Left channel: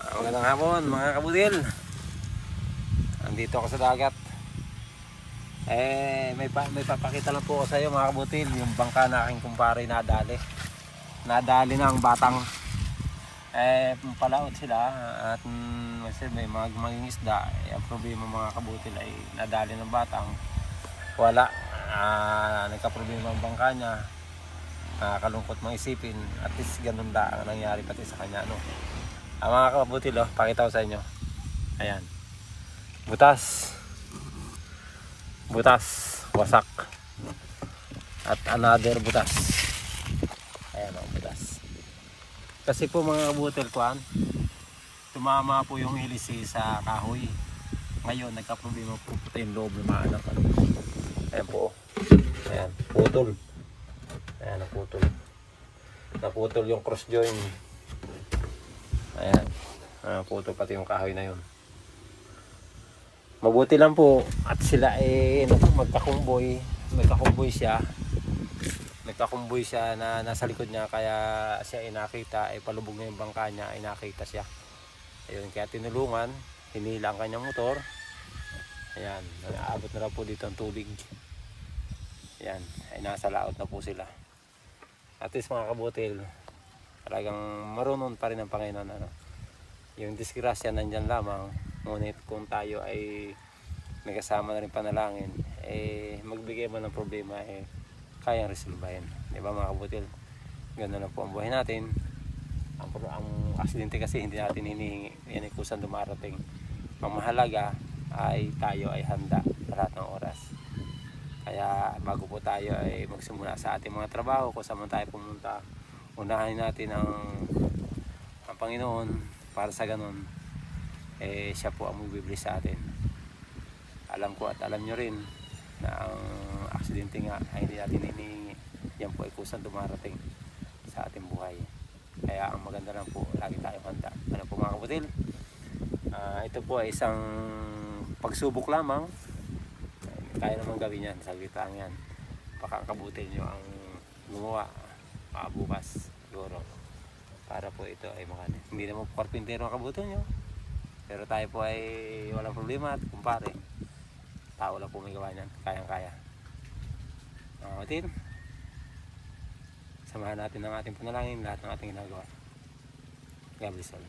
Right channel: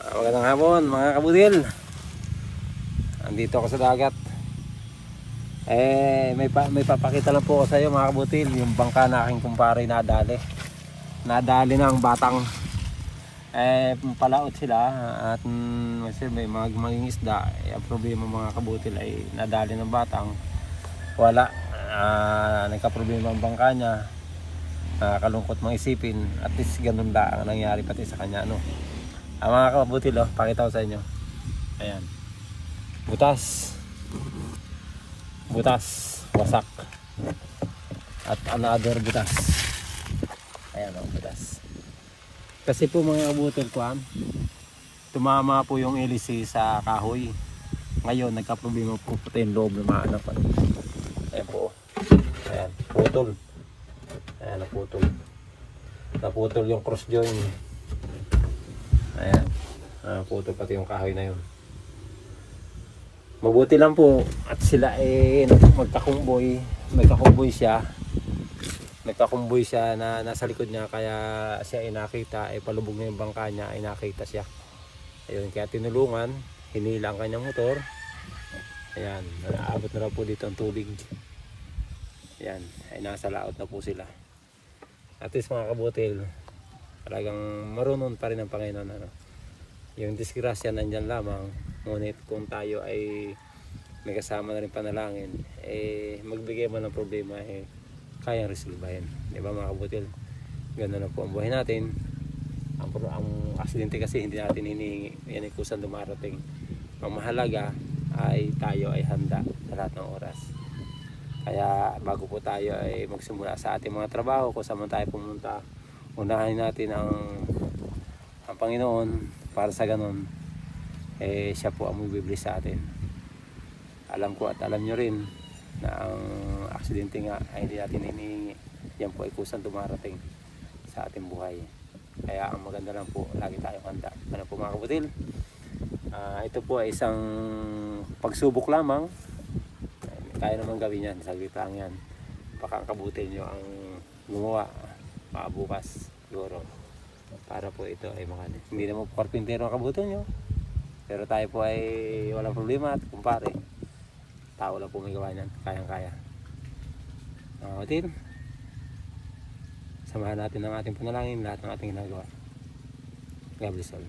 Magandang hapon mga kabutil. Andito ako sa dagat. May papakita lang po ako sa iyo mga kabutil. Yung bangka na aking kumpare nadali. Nadali na ang batang. Palaot sila at may maging isda. Ang problema mga kabutil ay nadali ng batang. Wala. Nagka-problema ang bangka niya. Nakakalungkot mga isipin. At least ganun da ang nangyari pati sa kanya, no? Mga kabutil, pakita ko sa inyo. Ayan. Butas, wasak. At another butas. Ayan ang butas. Kasi po mga kabutil kuhan, tumama po yung LC sa kahoy. Ngayon nagka-problema po pati yung loob ng mga anak. Ayan po. Ayan, putol. Ayan, naputol yung cross joint. Ayan, putol pati yung kahoy na yun. Mabuti lang po at sila magkakumboy siya na nasa likod niya, kaya siya ay nakita, palubog na yung bangka niya, ay nakita siya. Ayun, kaya tinulungan, hinila ang kanyang motor. Ayan, naabot na raw po dito ang tubig. Ayan, ay nasa laot na po sila. At least mga kabutil, talagang marunong pa rin ang Panginoon, ano? Yung disgrasya nandyan lamang, ngunit kung tayo ay may kasama na rin panalangin, magbigay man ng problema, kayang resolbahin, di ba mga kabutil? Ganoon na po ang buhay natin. Ang aksidente kasi hindi natin hinihingi, yan ay kusang dumarating. Ang mahalaga ay tayo ay handa sa lahat ng oras. Kaya bago po tayo ay magsimula sa ating mga trabaho, kung saan man tayo pumunta, unahin natin ang Panginoon, para sa ganun siya po ang magbibigay sa atin. Alam ko at alam nyo rin na ang aksidente nga ay hindi natin hinihingi, yan po ay kusang dumarating sa ating buhay. Kaya ang maganda lang po, lagi tayong handa. Ano po mga kabutil, ito po ay isang pagsubok lamang. Kaya naman gawin yan, saglit lang yan. Baka ang kabutil nyo ang gumawa bukas siguro, para po ito ay makanin. Hindi naman po karpintero ang kabutil nyo, pero tayo po ay walang problema. At kumpare, tao lang po may gawa niyan, kayang kaya. Mga kabutil, samahan natin ang ating panalangin, lahat ng ating ginagawa. God bless all.